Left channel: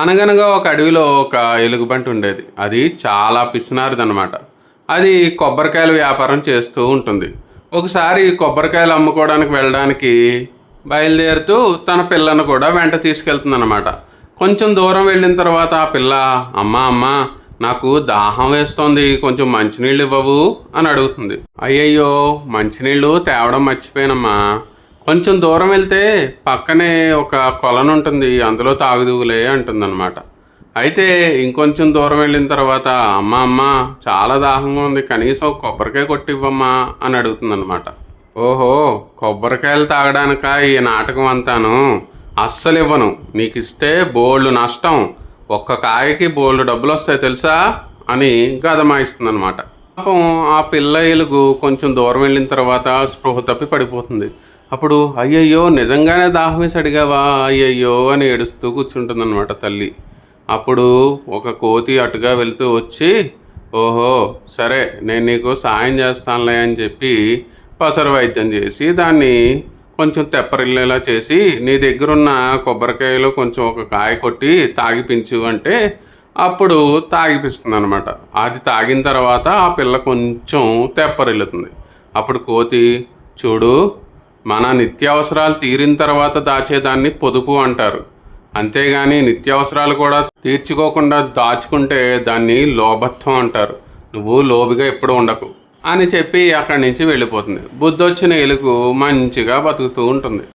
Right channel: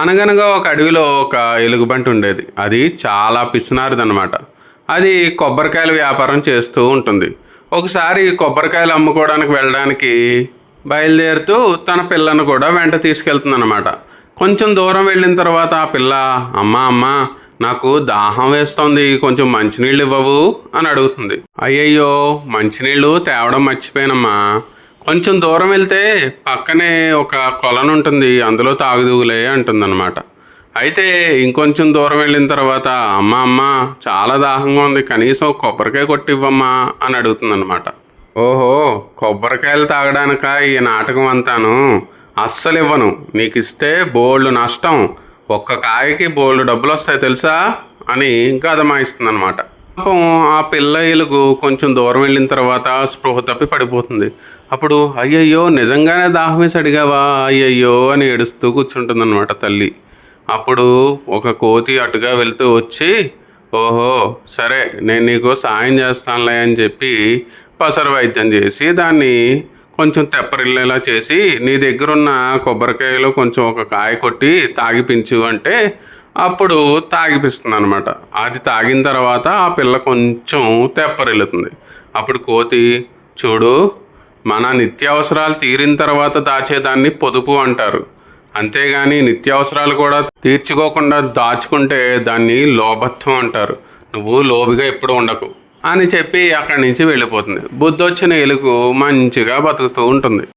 అనగనగా ఒక అడవిలో ఒక ఎలుగుబంటి ఉండేది. అది చాలా పిసినారిదనమాట. అది కొబ్బరికాయల వ్యాపారం చేస్తూ ఉంటుంది. ఒకసారి కొబ్బరికాయలు అమ్ముకోవడానికి వెళ్ళడానికి బయలుదేరుతూ తన పిల్లను కూడా వెంట తీసుకెళ్తుందన్నమాట. కొంచెం దూరం వెళ్ళిన తర్వాత ఆ పిల్ల, అమ్మా అమ్మా, నాకు దాహం వేస్తోంది, కొంచెం మంచినీళ్ళు ఇవ్వవు అని అడుగుతుంది. అయ్యయ్యో, మంచినీళ్ళు తేవడం మర్చిపోయానమ్మా, కొంచెం దూరం వెళ్తే పక్కనే ఒక కొలను ఉంటుంది, అందులో తాగుదువులే అంటుందన్నమాట. అయితే ఇంకొంచెం దూరం వెళ్ళిన తర్వాత, అమ్మ అమ్మ, చాలా దాహంగా ఉంది, కనీసం ఒక కొబ్బరికాయ కొట్టివ్వమ్మా అని అడుగుతుందన్నమాట. ఓహో, కొబ్బరికాయలు తాగడానిక ఈ నాటకం అంతాను? అస్సలు ఇవ్వను, నీకు ఇస్తే బోల్డు నష్టం, ఒక్క కాయకి బోల్డు డబ్బులు వస్తాయి తెలుసా అని గదమాయిస్తుందన్నమాట. పాపం ఆ పిల్ల ఎలుగు కొంచెం దూరం వెళ్ళిన తర్వాత స్పృహ తప్పి పడిపోతుంది. అప్పుడు అయ్యయ్యో, నిజంగానే దాహం వేసి అడిగావా, అయ్యయ్యో అని ఏడుస్తూ కూర్చుంటుందన్నమాట తల్లి. అప్పుడు ఒక కోతి అటుగా వెళ్తూ వచ్చి, ఓహో సరే, నేను నీకు సాయం చేస్తానులే అని చెప్పి పసరు వైద్యం చేసి దాన్ని కొంచెం తెప్పరిల్లేలా చేసి, నీ దగ్గరున్న కొబ్బరికాయలో కొంచెం ఒక కాయ కొట్టి తాగిపించు అంటే అప్పుడు తాగిపిస్తుంది అనమాట. అది తాగిన తర్వాత ఆ పిల్ల కొంచెం తెప్పరిల్లుతుంది. అప్పుడు కోతి, చూడు, మన నిత్యావసరాలు తీరిన తర్వాత దాచేదాన్ని పొదుపు అంటారు, అంతేగాని నిత్యావసరాలు కూడా తీర్చుకోకుండా దాచుకుంటే దాన్ని లోభత్వం అంటారు, నువ్వు లోబిగా ఎప్పుడు ఉండకు అని చెప్పి అక్కడి నుంచి వెళ్ళిపోతుంది. బుద్ధొచ్చిన ఎలుగు మంచిగా బతుకుతూ ఉంటుంది.